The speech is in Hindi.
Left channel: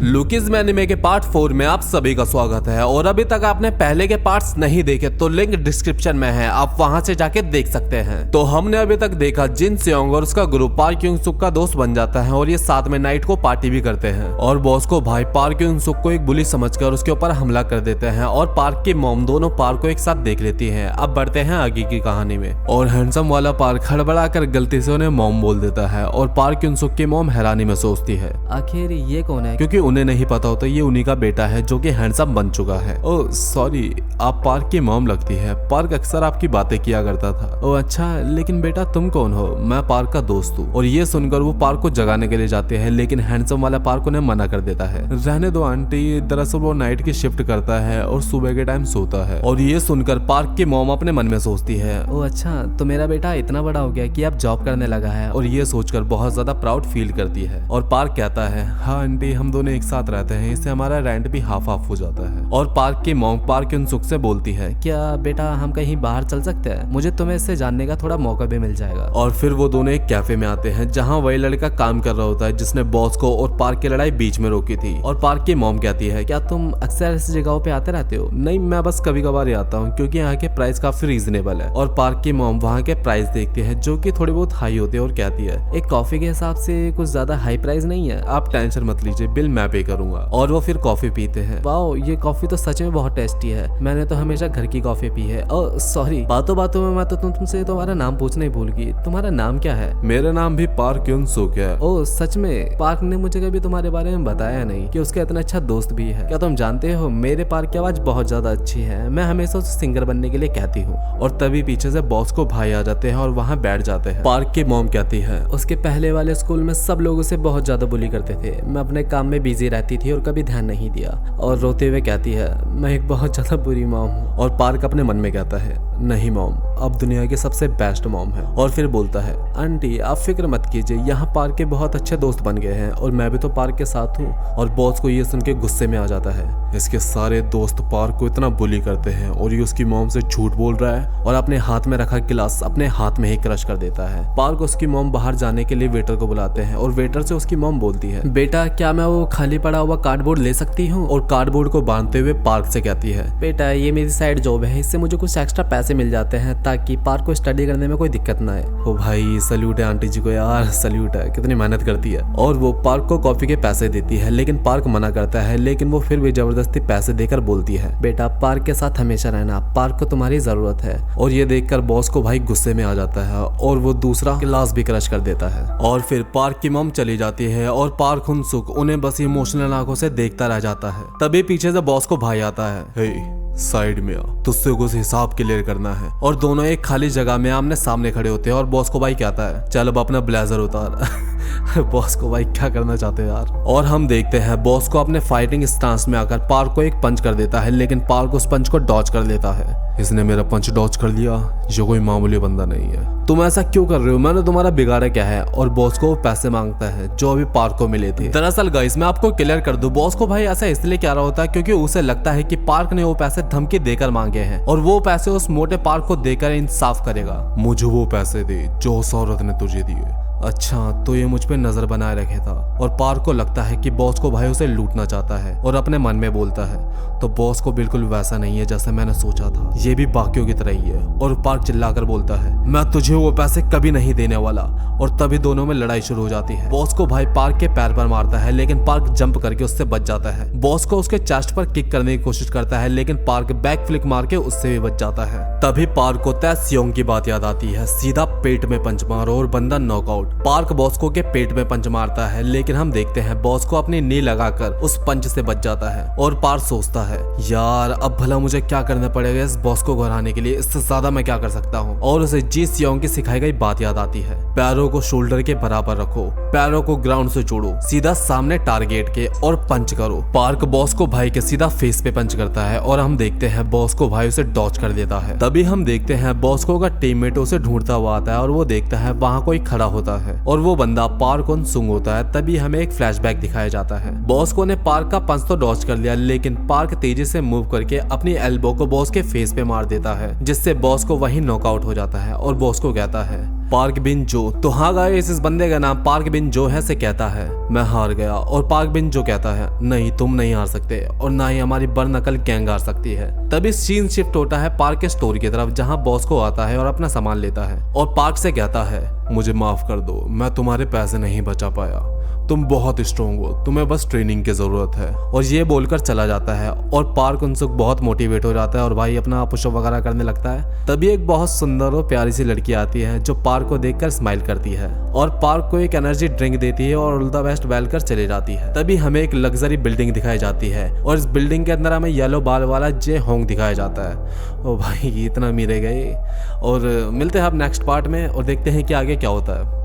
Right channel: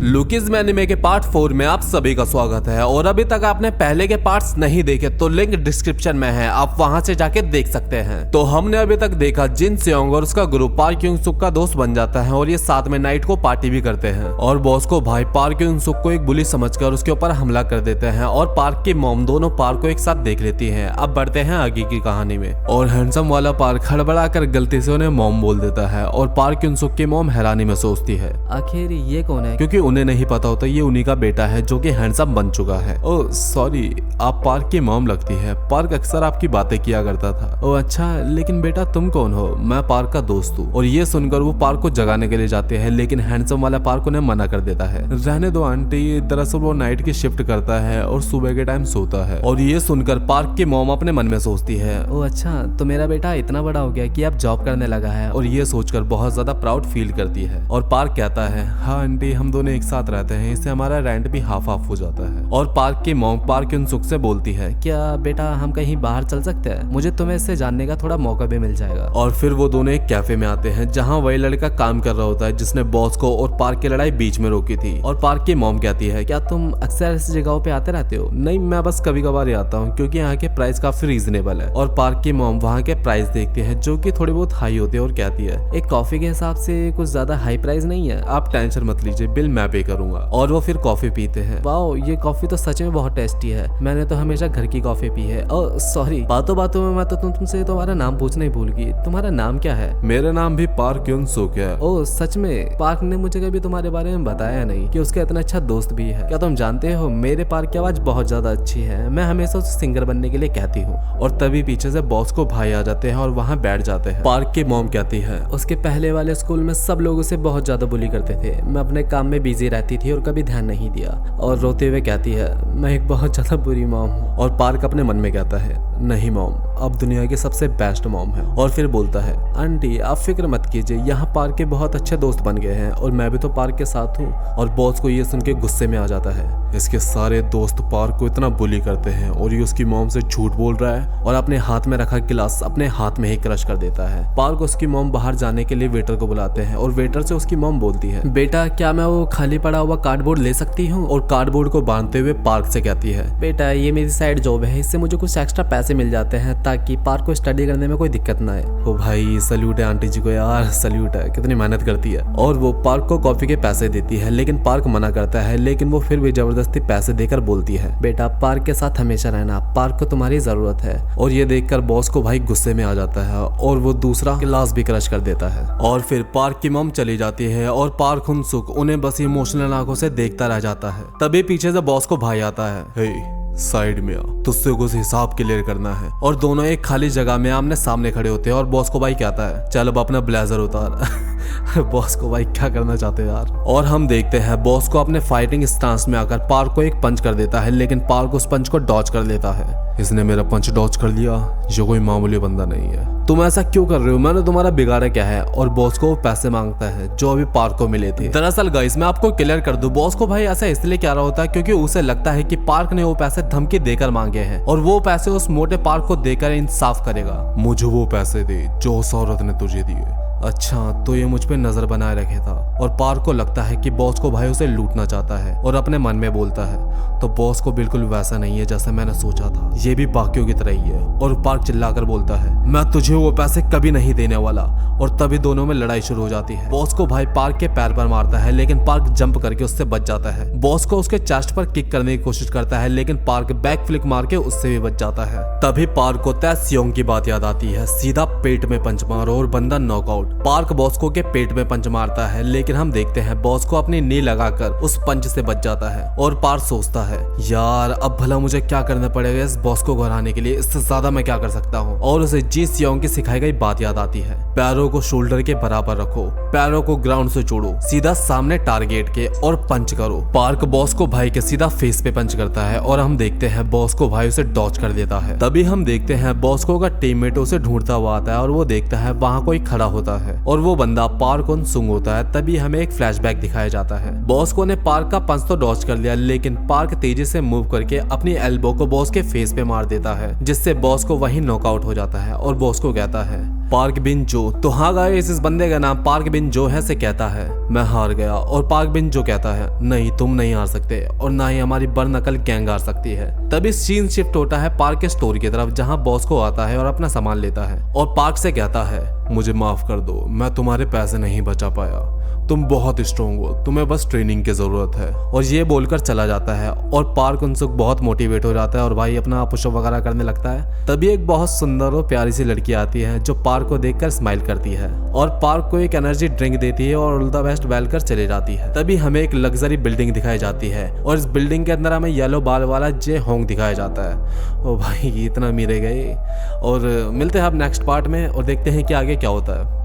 लुकीज में एनिमे के पार्ट 4 में आप सभी का स्वागत है। और अभी तक आपने पहले के पार्ट्स नहीं देखे तो लिंक डिस्क्रिप्शन में है, आप वहां से जाके देख सकते हैं। तो हमने अभी तक देखा जिन सेयोंग और उसका ग्रुप पार्क क्योंग सुक का दोस्त बन जाता है और ये साथ में नाइट को पार्टी भी करते हैं और बॉस को भाई पार्क क्योंग सुक को एक बुली समझकर उसके ऊपर हमला कर देते हैं और पार्क की मॉम दोनों पार्क को एक साथ देख लेती है। अब बढ़ते हैं आगे की कहानी में। और हैंडसम वाला पार्क हड़बड़ा कर गलती से उन्हें मॉम बोल देता है और पार्क क्योंग सुक की मॉम हैरानी में सोचती है आखिर ये कौन है? क्योंकि उन्हें नहीं पता होता ये उन्हीं का बेटा है जो कि हैंडसम बन चुका है। ओह सॉरी, आप पार्क की मॉम लगती है। पार्क अक्सर आपकी बातें किया करता था। ओह अच्छा, लेकिन बेटा तुम कौन हो? मैं पार्क का दोस्त हूँ। और ये सुनकर वो पार्क को जगाने के लिए जाते हैं लेकिन हैंडसम वाला पार्क उन्हें मना कर देता है। रहने दो आंटी, दरअसल वो नाइट की शिफ्ट करता है और सुबह के टाइम सोता है। और ये सुनकर पार्क की मॉम अपने मन में सोचती है ओह अच्छा, तो मेरा बेटा इतना बड़ा हो गया कि अब जॉब करने लगा है। और ये सोचकर बहुत ज्यादा प्राउड फील करती है। और पार्क कहता है हाँ आंटी, हम दोनों एक साथ रहते हैं, इससे हमारा रेंट भी हाफ हाफ हो जाता है। और पार्क की मॉम पार्क उन सुख से बोलती है क्या बेटा हम कहीं बाहर चल सकते हैं? मुझे तुम्हें इससे जानने का थोड़ा मौका भी मिल जाएगा। और फिर वो दोनों एक कैफे में आते हैं जहाँ वही लड़का काम कर रहा होता है जिसने बॉस को और पार्क की लड़ाई बीच में रोकी थी। और पार्क की मॉम कहती है क्या तुम अक्सर ऐसी जगहों पे आते रहते हो? नहीं, मैं बस कभी कभार आता हूँ क्योंकि यहाँ के प्राइस काफी रीजनेबल है। और पार्क की मॉम वहाँ के प्राइस देखती है जो कि थोड़े बहुत हाई होते हैं और कहती है एक कॉफी के हिसाब से कुछ ज्यादा हाई प्राइस नहीं है। आप टेंशन मत लीजिए, बिल मैं पे करूंगा। और वो फिर कॉफी पीते हैं। वाओ, ये कॉफी तो सच में बहुत टेस्टी है। मैंने तो हमेशा घर की कॉफी पी है। ओह सॉरी, बातों बातों में मैं तो तुमसे तुम्हारा नाम पूछना ही भूल गई। तुम्हारा नाम क्या है? मेरा नाम भी पार्क क्यों सुक है। ओह सच में? पार्क ने मुझे कभी तुम्हारे बारे में बताया नहीं कि उसका इतना अच्छा दोस्त भी है। क्या तुम जानते हो मेरे पार्क की आवाज बहुत ज्यादा अच्छी है। मैं हमेशा उसे सिंगर बनने के लिए कहती हूँ। और तभी पीछे से बॉस को भाई आ जाते हैं और वहाँ बैठ जाते हैं। पार्क की मॉम कहती है उसके पहले वाले स्कूल में सब लोग उसे बहुत ज्यादा बुली करते थे। मैं अपने काम में बिजी रहती थी और कभी ध्यान नहीं दिया। और रोते हुए कहती है मैं एक बहुत ज्यादा बुरी मॉम हूँ। और पार्क अपने मन में कहता है नहीं मॉम, अब दुनिया की सबसे बेस्ट मॉम है। और फिर बोलता है आंटी आप फिक्र मत कीजिए, यहाँ पार्क के बहुत अच्छे दोस्त बन गए हैं और मैं भी तो पार्क के साथ हूँ। और बॉस को ये सुन के गुस्से में आ जाता है। इसके सारे दोस्त पार्क को इतना बुली करते हैं और ये उसकी मॉम से झूठ बोल रहा है और अपने हाथ में रखा गिलास अपने हाथ में ही क्रश कर देता है। पार्क उसकी मॉम बाहर जाने के लिए वेटर को बुलाते हैं और वेटर से उसकी मॉम बोलती है बेटा क्या मैं वो खाली पड़ा हुआ कार्डबोर्ड ले सकती हूँ? और कार्डबोर्ड को बांधते हुए पार्क से कहती है बेटा ये मेरी साइड जॉब है, इससे मुझे कुछ एक्स्ट्रा पैसे मिल जाते हैं ताकि पार्क को स्टडी करने में कोई दिक्कत ना आए। ओ भाई सल्यूट है आंटी जी को यार, सल्यूट है, कितनी मेहनत करती है। और वो पार्क को कॉफी के पैसे देती है लेकिन पार्क मना करता है, लेकिन वो फिर भी जबरदस्ती पैसे देकर बोलती है बेटा पार्क के साथ हमेशा रहना, पार्क को तुम्हारी जरूरत है। और ये देखकर बॉस को भाई गुस्से में आ जाता है और वो दूसरा गिलास भी क्रश कर देता है। और फिर पार्क की मॉम चली जाती है और पार्क हुनसुक उन्हें बस इमोशनल आंखों से देखता रह जाता है। तभी पीछे से बॉस को भाई आता है हे साइड में आ, तुझसे कुछ हिसाब क्लियर करना है। और दोनों एक खाली जगह में आमने सामने खड़े होते हैं और बॉस को भाई कहता है चल अब अपना ब्लेजर उतार। बॉस को भाई क्या करना चाहते हैं यार। और हम देखते हैं बॉस को अपने फाइटिंग स्टांस में आकर पार्क को एक पंच कर देता है लेकिन पार्क उस पंच को डॉज कर लेता है। इसने मेरा पंच डॉज कर लिया, ये कोई मामूली बंदा नहीं है। तुम ऐसा क्यों कर रहे हो? मैंने तुम्हारा बिगाड़ा क्या है? और बॉस को वो पैसे मांगता है जो अभी पार्क को मिले थे। दरअसल गाइस मैं आपको क्लियर कर दूं, बॉस को भाई ऐसा इसलिए कह रहा होता है क्योंकि उसे लगता है कि पार्क ने वो पैसे धमकी देकर मांगे हैं और वो पैसे उस मोटे पार्क को देकर इंसाफ करेगा। मुझे वो पैसे दे जो उस औरत ने तुझे दिए। अच्छा तो ये मुझ पे नजर बनाए रखे था। और पार्क को लगता है कि बॉस को भाई उसे लूटना चाहता है और अपने मन में बोलता है तो बॉस को बिल्कुल वैसा नहीं है जैसा मैंने सोचा था, ये भी बाकियों की तरह ही है। और पार्क चिल्लाकर बोलता है मैं तुझे वो पैसे कभी नहीं देने वाला। और तभी दोनों में लड़ाई शुरू हो जाती है। बॉस को भाई पार्क के पैर पर मारता है लेकिन पार्क जंप करके उससे बच जाता है। बॉस को उसके चेस्ट पर किक करने की कोशिश करता है लेकिन पार्क बैक फ्लिक मार के उससे भी बच जाता है। तभी पार्क को तय सियोंग की बात याद आती है, सीधा पेट में पंच मारो और बंदा नॉकआउट। पार्क बॉस को के पेट में पंच मारता है लेकिन हम देखते हैं बॉस को अपनी नी लगाकर उस पंच से बच जाता है। और पार्क सोचता है यार अब भला मुझे क्या करना पड़ेगा इस बॉस को घराने के लिए, इससे ज्यादा मैं क्या कर सकता हूँ। और उसे जी सियोंग की सिखाई गई बात याद आती है, पैरों को शोल्डर के बराबर रखो, पैरों को ग्राउंड से जोड़ो, सीधा सामने टारगेट के और पंच करो। पार्क बॉस को भाई के सीधा फेस पे पंच करता है और हम देखते हैं बॉस को भाई उसे डॉच कर देता है। तभी हम देखते हैं बॉस को का टीममेट उसे ढूंढता हुआ आता है और वो देखता है वहाँ कोई खड़ा होता है और वो बंदा पार्क उन सुंग होता है। तभी हमें एक फ्लैशबैक दिखाया जाता है। बॉस्को ने पार्क का पंच तो डॉज कर लिया, लेकिन पार्क तेजी से मूव करके अपनी एल्बो को बॉस के फेस पे मार देता है, जिससे बॉस को वही नॉकआउट हो जाता है। और बॉस को कहता है पार्क बिन जो। तो हाँ गाइस, इस बंदे का नाम पार्क बिन जो है से कहता है मैं हार गया। और पार्क बिन जो कहता है नहीं, तुम नहीं हार सकते और ना ही हमारी बरनकल गैंग हार सकती है। तभी सीन शिफ्ट होता है पार्क के स्टोर की तरफ, जहाँ बॉस को आता है और अपना सामान लेता है और पार्क से कहता है मुझे माफ कर दो, मैं तुम्हारे पैसे नहीं बचा पाया, तुम बहुत स्ट्रोंग हो, तुम्हें बस ट्रेनिंग की जरूरत है। और ये बोलकर चला जाता है और पार्क उनसुक बहुत मोटिवेट हो जाता है और भाई अपना पुशअप वगैरह करने लगता है। तभी एक बहुत सुंदर और प्यारी सी लड़की आती है जो पार्क को देखकर स्माइल करती है और पार्क को एक एनर्जी ड्रिंक देती है और ऑल द बेस्ट बैलकर चले जाती है। तभी हमें एक लग्जरी बिल्डिंग दिखाई जाती है और इस बिल्डिंग के अंदर हमें येलो बाल वाला जे होंग दिखाया जाता है। ओ भाई इतना मीरे गए। और मिलते हैं अब नेक्स्ट पार्ट में और देखते हैं कि आगे क्या होता है।